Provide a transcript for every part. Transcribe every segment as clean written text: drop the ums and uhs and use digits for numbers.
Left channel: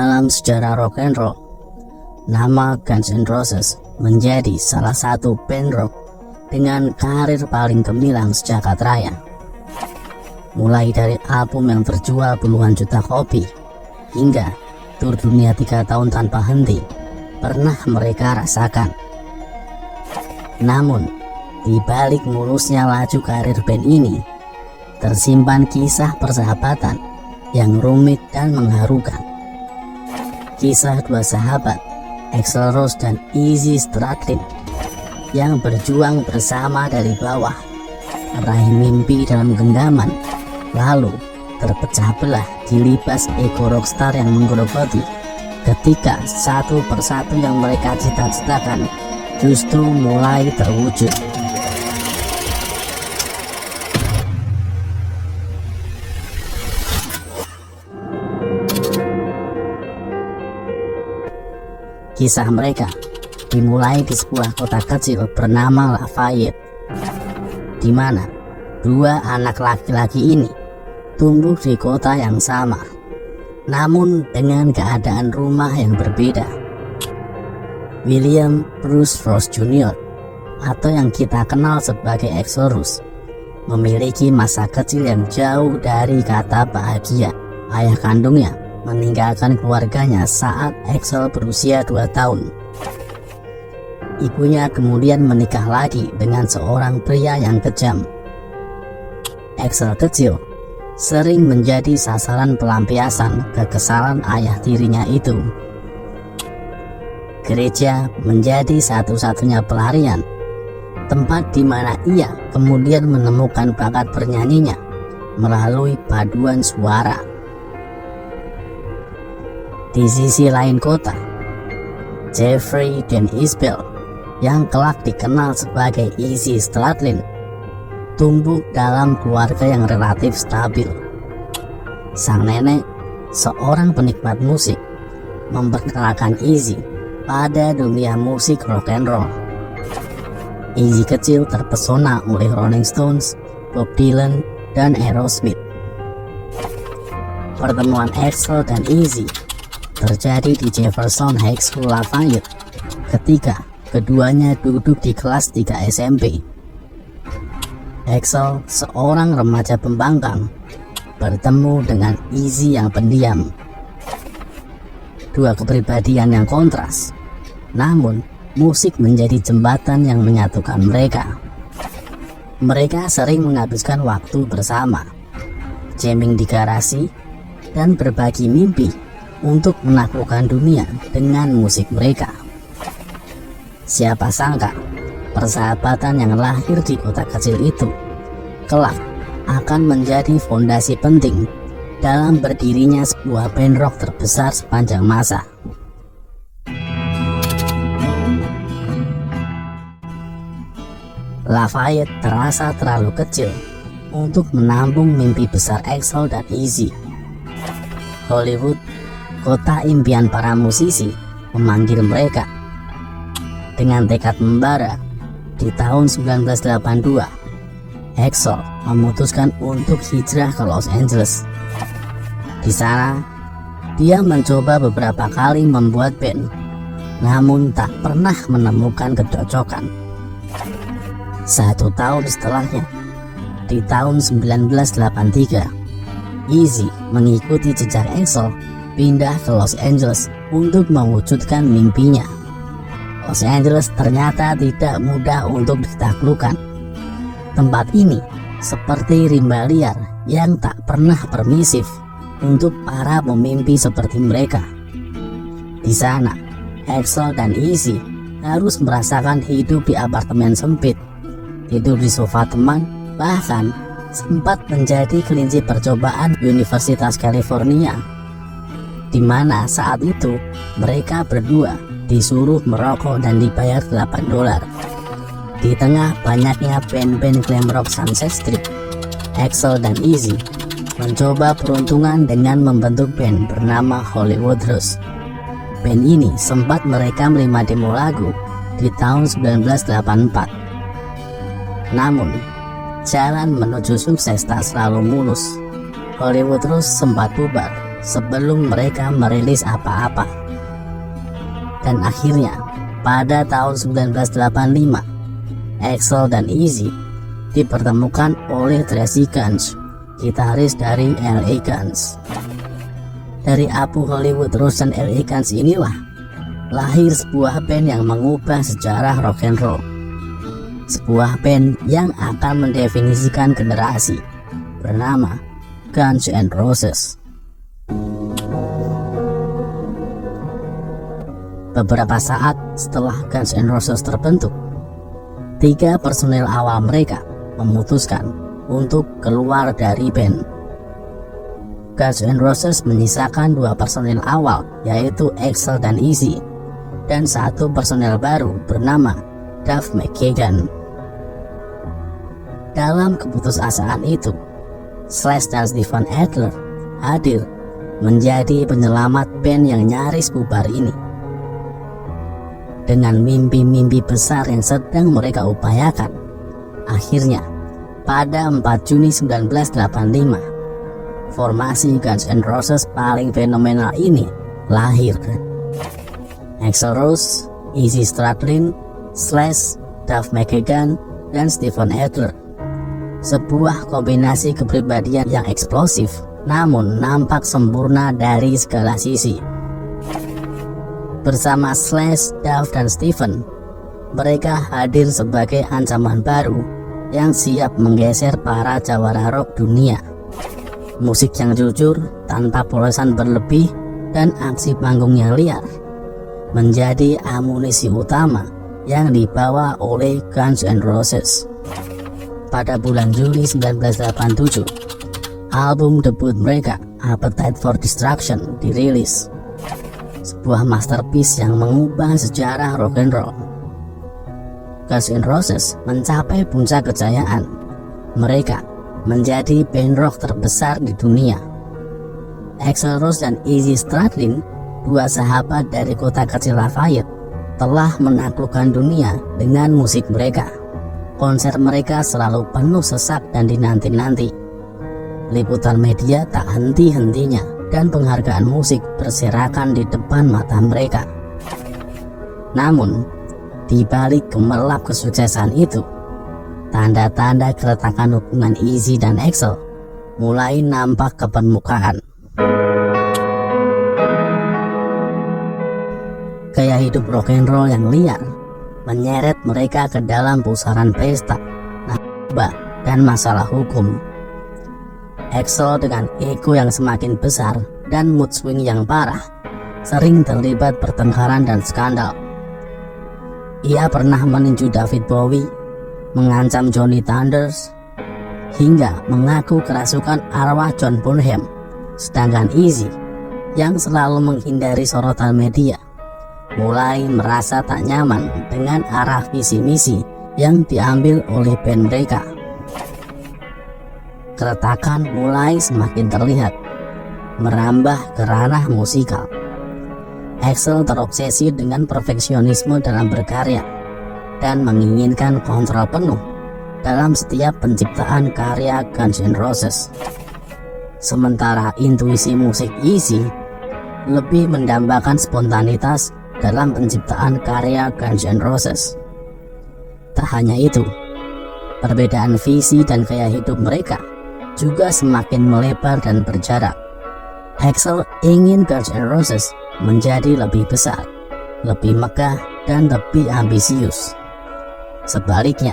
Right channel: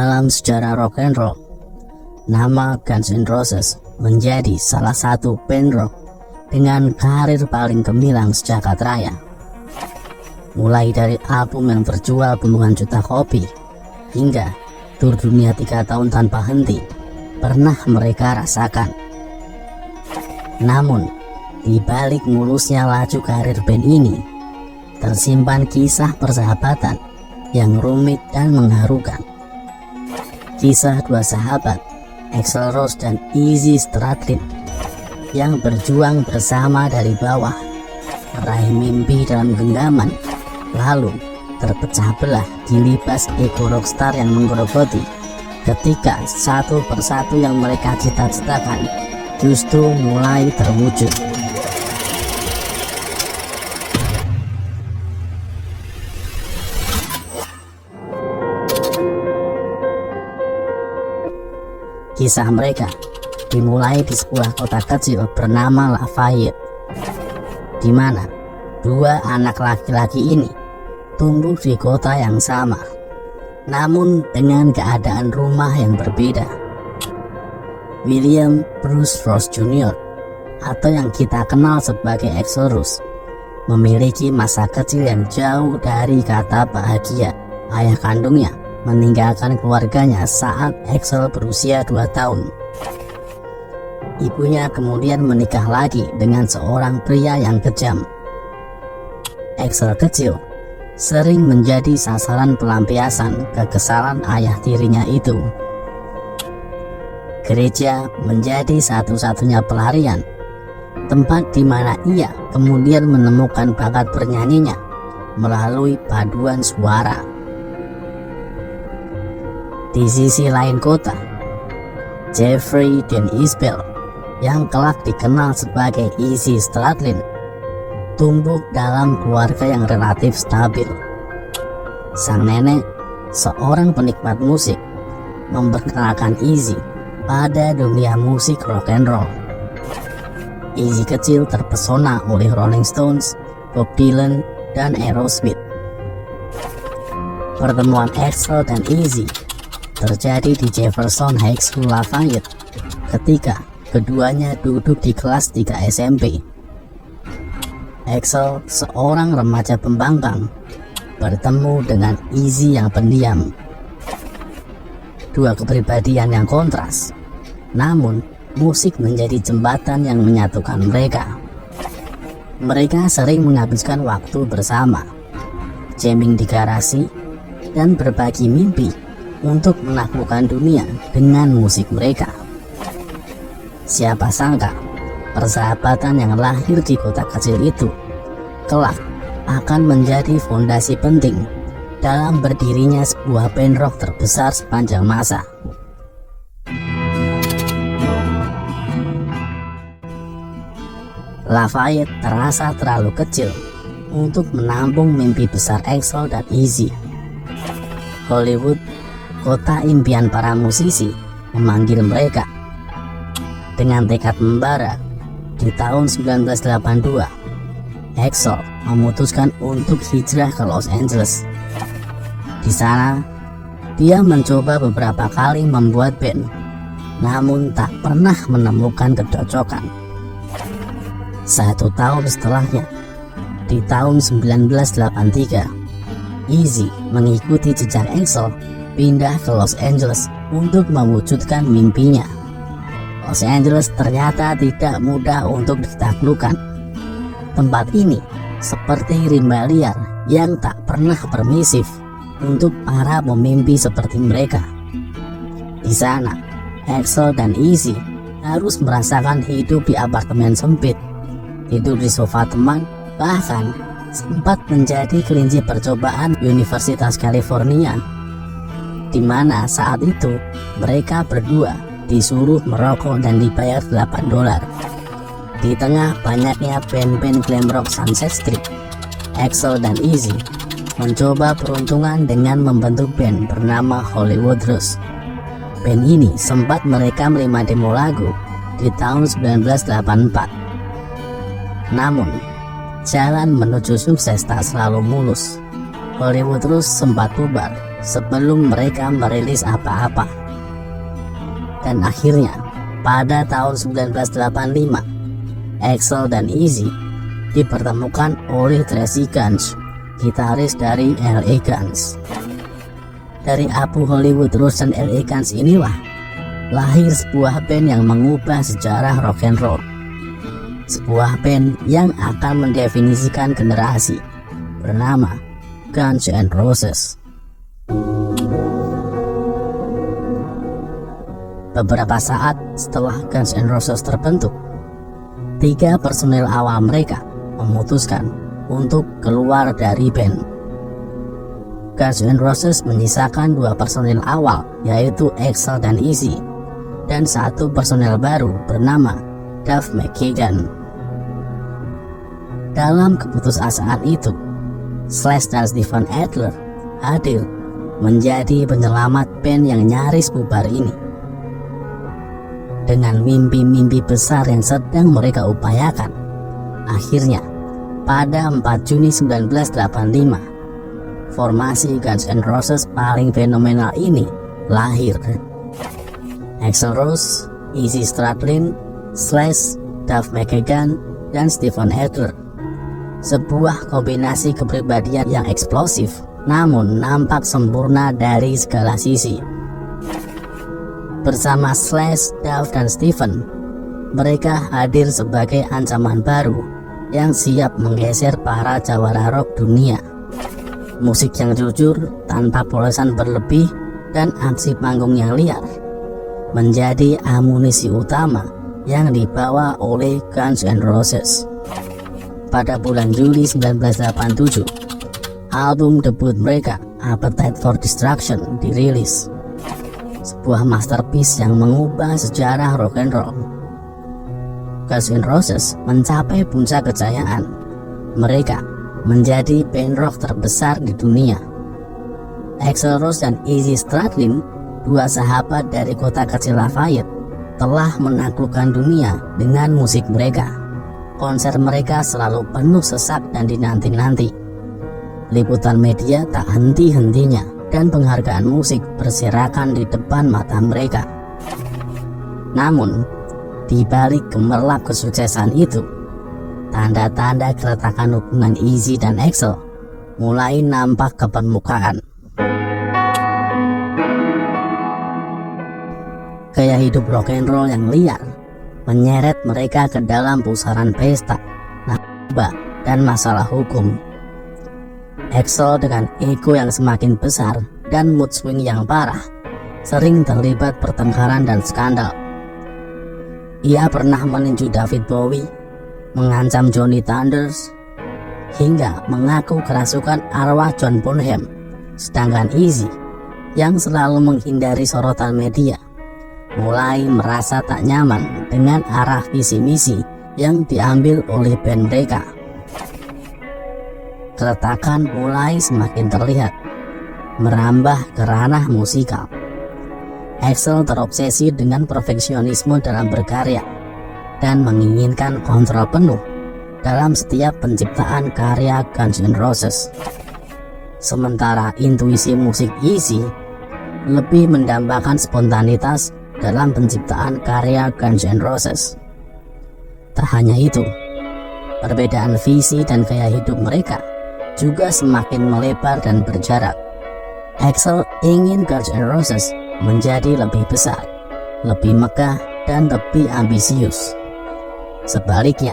Dalam sejarah rock and roll, nama Guns N' Roses menjadi salah satu band rock dengan karir paling gemilang sejagat raya. Mulai dari album yang terjual puluhan juta kopi hingga tur dunia 3 tahun tanpa henti pernah mereka rasakan. Namun, di balik mulusnya laju karir band ini, tersimpan kisah persahabatan yang rumit dan mengharukan. Kisah dua sahabat, Axl Rose dan Izzy Stradlin, yang berjuang bersama dari bawah, meraih mimpi dalam genggaman, lalu terpecah belah dilibas ego rockstar yang menggerogoti ketika satu persatu yang mereka cita-citakan justru mulai terwujud. Kisah mereka dimulai di sebuah kota kecil bernama Lafayette, di mana dua anak laki-laki ini tumbuh di kota yang sama, namun dengan keadaan rumah yang berbeda. William Bruce Rose Jr. atau yang kita kenal sebagai Axl Rose memiliki masa kecil yang jauh dari kata bahagia. Ayah kandungnya meninggalkan keluarganya saat Axl berusia 2 tahun. Ibunya kemudian menikah lagi dengan seorang pria yang kejam. Axl kecil sering menjadi sasaran pelampiasan kekesalan ayah tirinya itu. Gereja menjadi satu-satunya pelarian, tempat di mana ia kemudian menemukan bakat bernyanyinya melalui paduan suara. Di sisi lain kota, Jeffrey dan Isabel, yang kelak dikenal sebagai Izzy Stradlin, tumbuh dalam keluarga yang relatif stabil. Sang nenek, seorang penikmat musik, memperkenalkan Izzy pada dunia musik rock and roll. Izzy kecil terpesona oleh Rolling Stones, Bob Dylan, dan Aerosmith. Pertemuan Axl dan Izzy terjadi di Jefferson High School Lafayette ketika keduanya duduk di kelas 3 SMP. Axl, seorang remaja pembangkang, bertemu dengan Izzy yang pendiam. Dua kepribadian yang kontras, namun musik menjadi jembatan yang menyatukan mereka. Mereka sering menghabiskan waktu bersama, jamming di garasi, dan berbagi mimpi untuk menaklukkan dunia dengan musik mereka. Siapa sangka persahabatan yang lahir di kota kecil itu kelak akan menjadi fondasi penting dalam berdirinya sebuah band rock terbesar sepanjang masa. Lafayette terasa terlalu kecil untuk menampung mimpi besar Axl dan Izzy. Hollywood, kota impian para musisi, memanggil mereka. Dengan tekad membara, di tahun 1982, Axl memutuskan untuk hijrah ke Los Angeles. Di sana, dia mencoba beberapa kali membuat band, namun tak pernah menemukan kecocokan. 1 tahun setelahnya, di tahun 1983, Izzy mengikuti jejak Axl pindah ke Los Angeles untuk mewujudkan mimpinya. Los Angeles ternyata tidak mudah untuk ditaklukkan. Tempat ini seperti rimba liar yang tak pernah permisif untuk para pemimpi seperti mereka. Di sana, Axl dan Izzy harus merasakan hidup di apartemen sempit, tidur di sofa teman, bahkan sempat menjadi kelinci percobaan Universitas California, di mana saat itu mereka berdua disuruh merokok dan dibayar $8. Di tengah banyaknya band-band glam rock Sunset Strip, Axl dan Izzy mencoba peruntungan dengan membentuk band bernama Hollywood Rose. Band ini sempat merekam 5 demo lagu di tahun 1984. Namun, jalan menuju sukses tak selalu mulus. Hollywood Rose sempat bubar sebelum mereka merilis apa-apa. Dan akhirnya pada tahun 1985, Axl dan Easy dipertemukan oleh Tracy Guns, gitaris dari LA Guns. Dari Abu Hollywood Rush dan LA Guns inilah lahir sebuah band yang mengubah sejarah rock and roll. Sebuah band yang akan mendefinisikan generasi, bernama Guns N' Roses. Beberapa saat setelah Guns N' Roses terbentuk, 3 personel awal mereka memutuskan untuk keluar dari band. Guns N' Roses menyisakan 2 personel awal, yaitu Axl dan Easy, dan 1 personel baru bernama Duff McKagan. Dalam keputusasaan itu, Slash dan Steven Adler hadir menjadi penyelamat band yang nyaris bubar ini. Dengan mimpi-mimpi besar yang sedang mereka upayakan, akhirnya pada 4 Juni 1985, formasi Guns N' Roses paling fenomenal ini lahir. Axl Rose, Izzy Stradlin, Slash, Duff McKagan, dan Steven Adler. Sebuah kombinasi kepribadian yang eksplosif, namun nampak sempurna dari segala sisi. Bersama Slash, Duff, dan Steven, mereka hadir sebagai ancaman baru yang siap menggeser para jawara rock dunia. Musik yang jujur, tanpa polesan berlebih, dan aksi panggung yang liar menjadi amunisi utama yang dibawa oleh Guns N' Roses. Pada bulan Juli 1987, album debut mereka, Appetite for Destruction, dirilis. Sebuah masterpiece yang mengubah sejarah rock and roll. Guns N' Roses mencapai puncak kejayaan. Mereka menjadi band rock terbesar di dunia. Axl Rose dan Izzy Stradlin, 2 sahabat dari kota kecil Lafayette, telah menaklukkan dunia dengan musik mereka. Konser mereka selalu penuh sesak dan dinanti-nanti. Liputan media tak henti-hentinya dan penghargaan musik berserakan di depan mata mereka. Namun, di balik gemerlap kesuksesan itu, tanda-tanda keretakan hubungan Izzy dan Axl mulai nampak ke permukaan. Gaya hidup rock and roll yang liar menyeret mereka ke dalam pusaran pesta, narkoba, dan masalah hukum. Axl dengan ego yang semakin besar dan mood swing yang parah, sering terlibat pertengkaran dan skandal. Ia pernah meninju David Bowie, mengancam Johnny Thunders, hingga mengaku kerasukan arwah John Bonham. Sedangkan Izzy, yang selalu menghindari sorotan media, mulai merasa tak nyaman dengan arah visi misi yang diambil oleh band mereka. Keretakan mulai semakin terlihat, merambah ke ranah musikal. Axl terobsesi dengan perfeksionisme dalam berkarya dan menginginkan kontrol penuh dalam setiap penciptaan karya Guns N' Roses. Sementara intuisi musik Izzy lebih mendambakan spontanitas dalam penciptaan karya Guns N' Roses. Tak hanya itu, perbedaan visi dan gaya hidup mereka juga semakin melebar dan berjarak. Axl ingin Guns N' Roses menjadi lebih besar, lebih megah, dan lebih ambisius. Sebaliknya,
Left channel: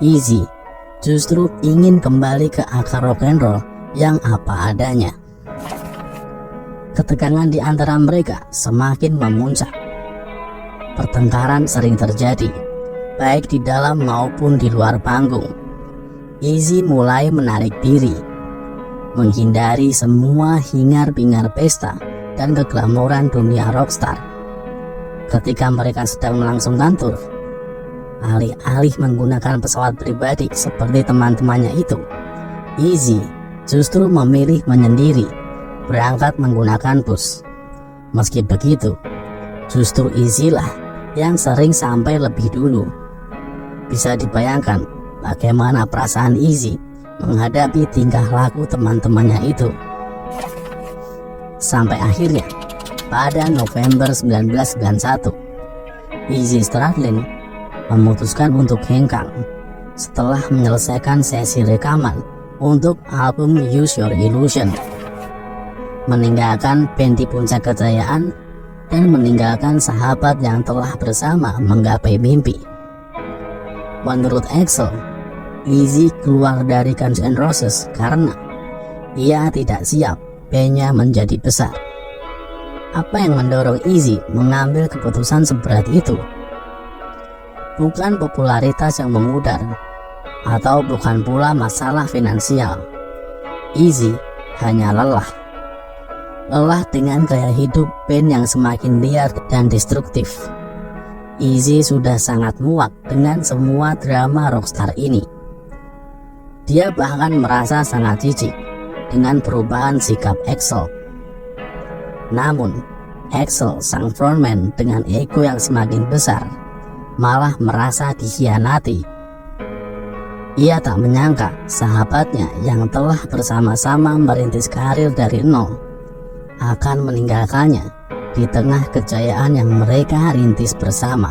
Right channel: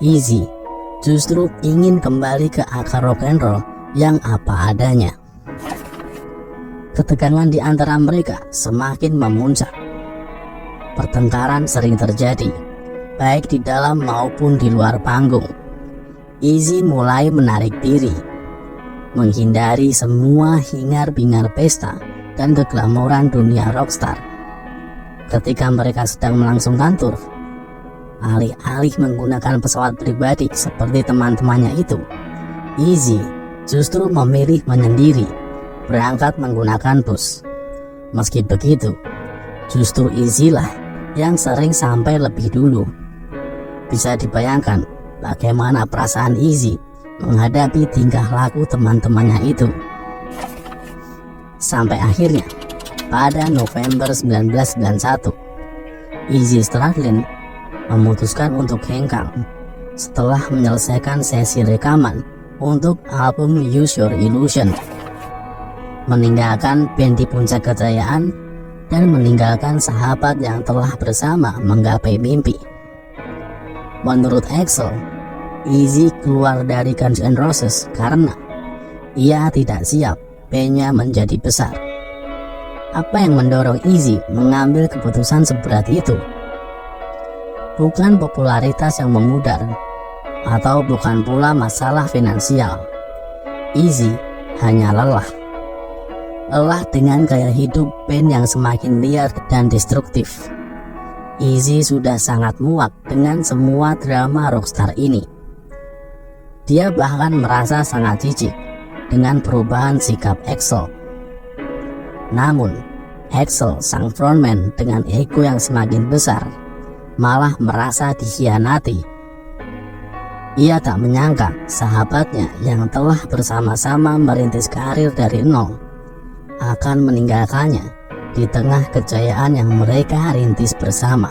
Izzy justru ingin kembali ke akar rock and roll yang apa adanya. Ketegangan di antara mereka semakin memuncak. Pertengkaran sering terjadi, baik di dalam maupun di luar panggung. Izzy mulai menarik diri, menghindari semua hingar-bingar pesta dan keglamoran dunia rockstar. Ketika mereka sedang melangsungkan tur, alih-alih menggunakan pesawat pribadi seperti teman-temannya itu, Izzy justru memilih menyendiri, berangkat menggunakan bus. Meski begitu, justru Izzy lah yang sering sampai lebih dulu. Bisa dibayangkan bagaimana perasaan Izzy menghadapi tingkah laku teman-temannya itu. Sampai akhirnya pada November 1991, Izzy Stradlin memutuskan untuk hengkang setelah menyelesaikan sesi rekaman untuk album Use Your Illusion, meninggalkan band di puncak kejayaan dan meninggalkan sahabat yang telah bersama menggapai mimpi. Menurut Axl, Izzy keluar dari Guns N' Roses karena ia tidak siap bandnya menjadi besar. Apa yang mendorong Izzy mengambil keputusan seberat itu? Bukan popularitas yang memudar, atau bukan pula masalah finansial. Izzy hanya lelah. Lelah dengan gaya hidup band yang semakin liar dan destruktif. Izzy sudah sangat muak dengan semua drama rockstar ini. Dia bahkan merasa sangat jijik dengan perubahan sikap Axl. Namun, Axl, sang frontman dengan ego yang semakin besar, malah merasa dikhianati. Ia tak menyangka sahabatnya yang telah bersama-sama merintis karir dari nol akan meninggalkannya di tengah kejayaan yang mereka rintis bersama.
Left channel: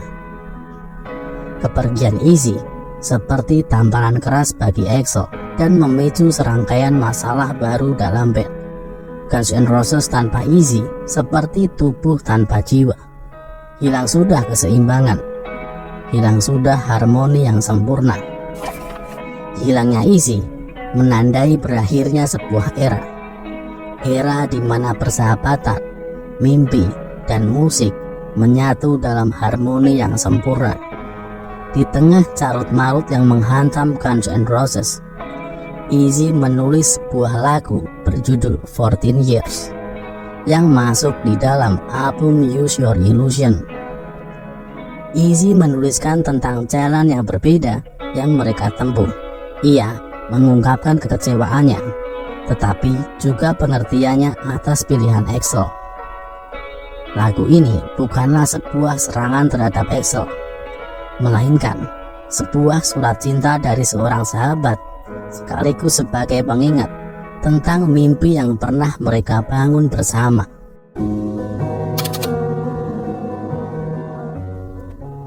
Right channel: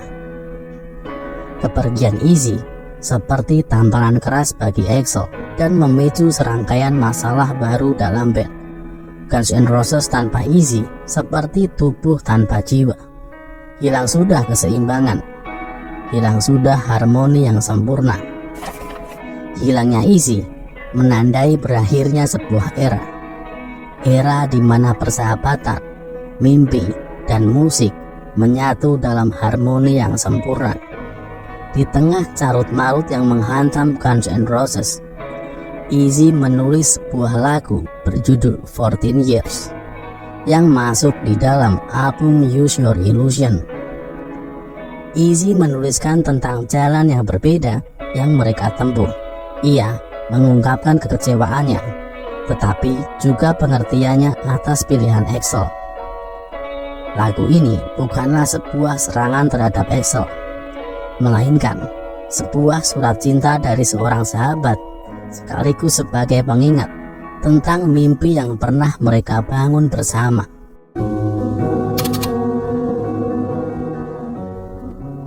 Kepergian Izzy seperti tamparan keras bagi Axl dan memicu serangkaian masalah baru dalam band. Guns N' Roses tanpa Izzy seperti tubuh tanpa jiwa. Hilang sudah keseimbangan, hilang sudah harmoni yang sempurna. Hilangnya Izzy menandai berakhirnya sebuah era. Era di mana persahabatan, mimpi, dan musik menyatu dalam harmoni yang sempurna. Di tengah carut-marut yang menghantam Guns N' Roses, Izzy menulis sebuah lagu berjudul 14 Years yang masuk di dalam album Use Your Illusion. Izzy menuliskan tentang jalan yang berbeda yang mereka tempuh. Ia mengungkapkan kekecewaannya, tetapi juga pengertiannya atas pilihan Axl. Lagu ini bukanlah sebuah serangan terhadap Axl, melainkan sebuah surat cinta dari seorang sahabat, sekaligus sebagai pengingat tentang mimpi yang pernah mereka bangun bersama.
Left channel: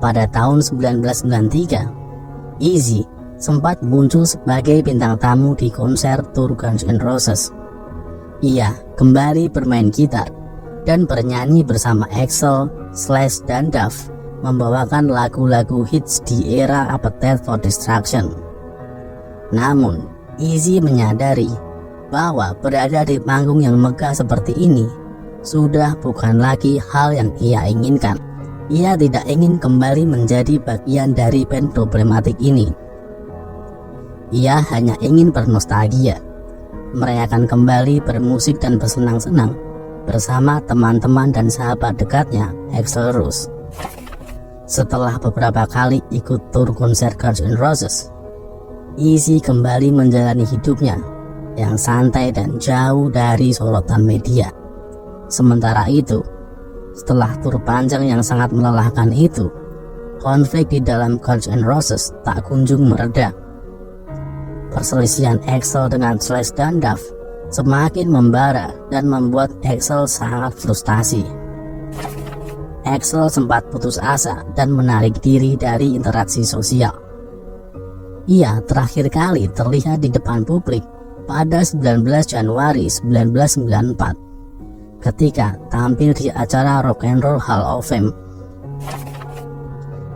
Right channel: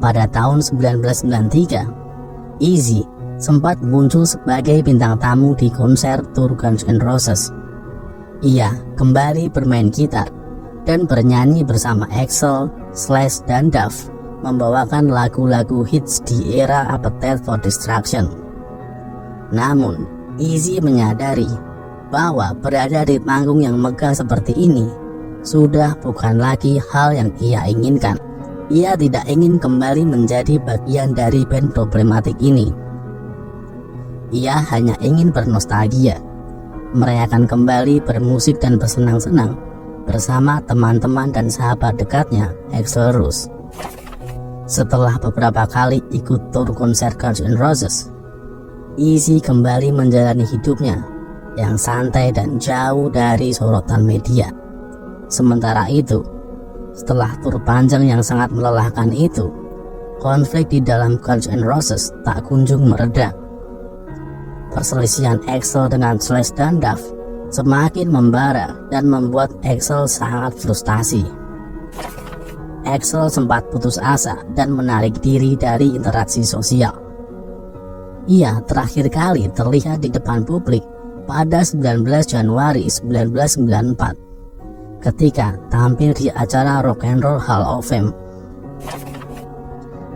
Pada tahun 1993, Izzy sempat muncul sebagai bintang tamu di konser tur Guns N' Roses. Ia kembali bermain gitar dan bernyanyi bersama Axl, Slash, dan Duff, membawakan lagu-lagu hits di era Appetite for Destruction. Namun, Izzy menyadari bahwa berada di panggung yang megah seperti ini sudah bukan lagi hal yang ia inginkan. Ia tidak ingin kembali menjadi bagian dari band problematik ini. Ia hanya ingin bernostalgia, merayakan kembali bermusik dan bersenang-senang bersama teman-teman dan sahabat dekatnya, Axl Rose. Setelah beberapa kali ikut tur konser Guns N' Roses, Izzy kembali menjalani hidupnya yang santai dan jauh dari sorotan media. Sementara itu, setelah tur panjang yang sangat melelahkan itu, konflik di dalam Guns N' Roses tak kunjung mereda. Perselisihan Axl dengan Slash dan Duff semakin membara dan membuat Axl sangat frustasi. Axl sempat putus asa dan menarik diri dari interaksi sosial. Ia terakhir kali terlihat di depan publik pada 19 Januari 1994 ketika tampil di acara Rock and Roll Hall of Fame.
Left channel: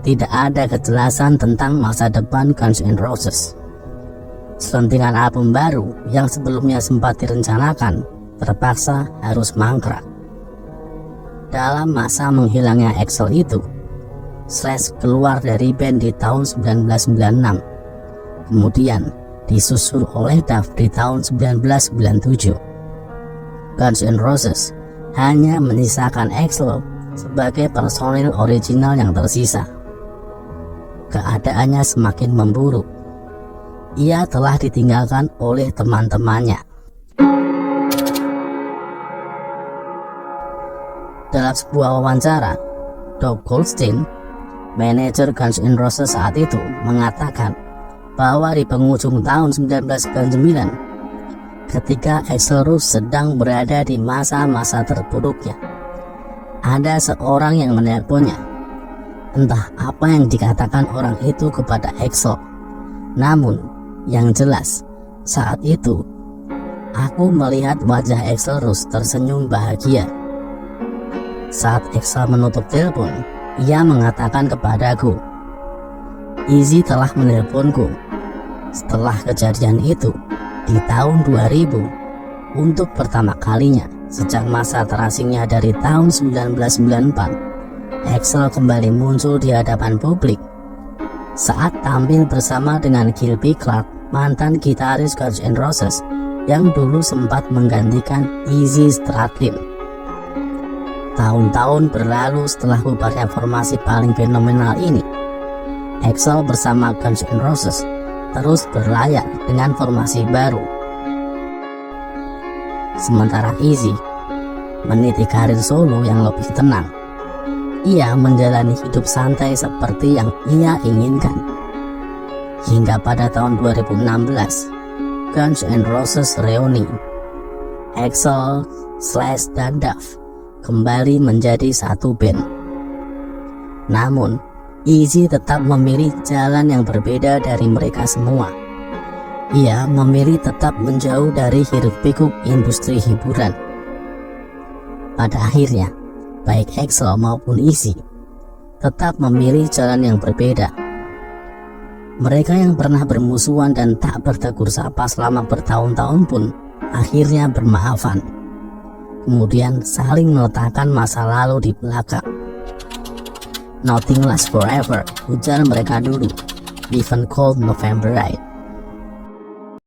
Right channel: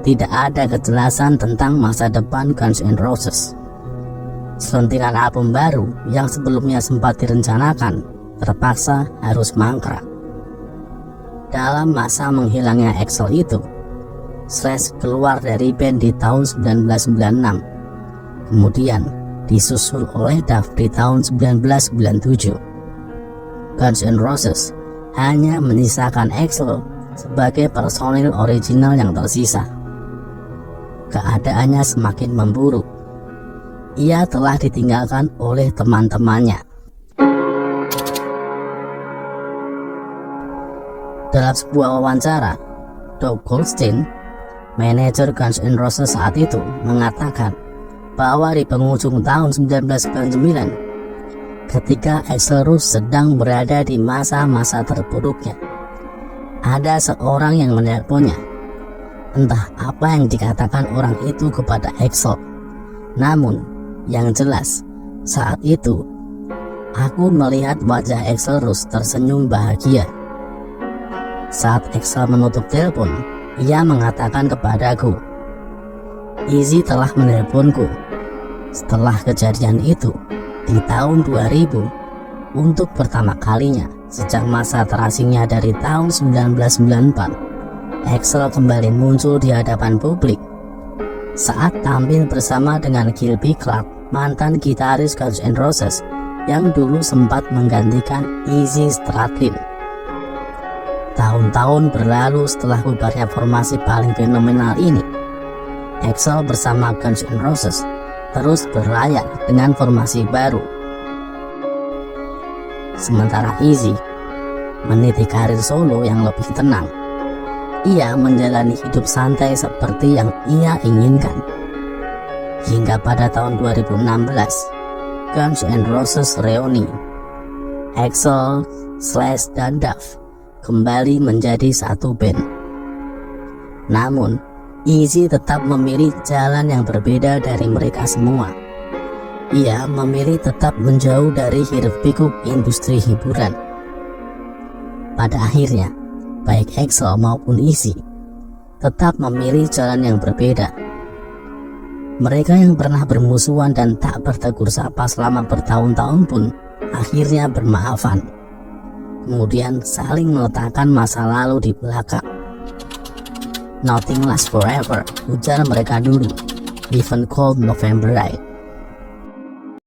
Tidak ada kejelasan tentang masa depan Guns N' Roses. Selentingan album baru yang sebelumnya sempat direncanakan terpaksa harus mangkrak. Dalam masa menghilangnya Axl itu, Slash keluar dari band di tahun 1996. Kemudian disusul oleh Duff di tahun 1997. Guns N' Roses hanya menyisakan Axl sebagai personil original yang tersisa. Keadaannya semakin memburuk. Ia telah ditinggalkan oleh teman-temannya. Dalam sebuah wawancara, Doug Goldstein, manajer Guns N' Roses saat itu, mengatakan bahwa di penghujung tahun 1999, ketika Exodus sedang berada di masa-masa terburuknya. Ada seorang yang menelponnya. Entah apa yang dikatakan orang itu kepada Exo. Namun, yang jelas, saat itu, aku melihat wajah Exodus tersenyum bahagia. Saat Exo menutup telepon, ia mengatakan kepadaku, Izzy telah menelponku. Setelah kejadian itu, di tahun 2000, untuk pertama kalinya sejak masa terasingnya dari tahun 1994, Axl kembali muncul di hadapan publik saat tampil bersama dengan Gilby Clarke, mantan gitaris Guns N' Roses yang dulu sempat menggantikan Izzy Stradlin. Tahun-tahun berlalu setelah bubarnya formasi paling fenomenal ini, Axl bersama Guns N' Roses terus berlayar dengan formasi baru. Sementara Izzy meniti karir solo yang lebih tenang. Ia menjalani hidup santai seperti yang ia inginkan. Hingga pada tahun 2016, Guns N' Roses reuni. Axl, Slash, dan Duff kembali menjadi satu band. Namun, Izzy tetap memilih jalan yang berbeda dari mereka semua. Ia memilih tetap menjauh dari hiruk-pikuk industri hiburan. Pada akhirnya, baik Axl maupun Izzy tetap memilih jalan yang berbeda. Mereka yang pernah bermusuhan dan tak bertegur sapa selama bertahun-tahun pun akhirnya bermaafan. Kemudian saling meletakkan masa lalu di belakang. Nothing lasts forever, ujar mereka dulu. Even cold November night.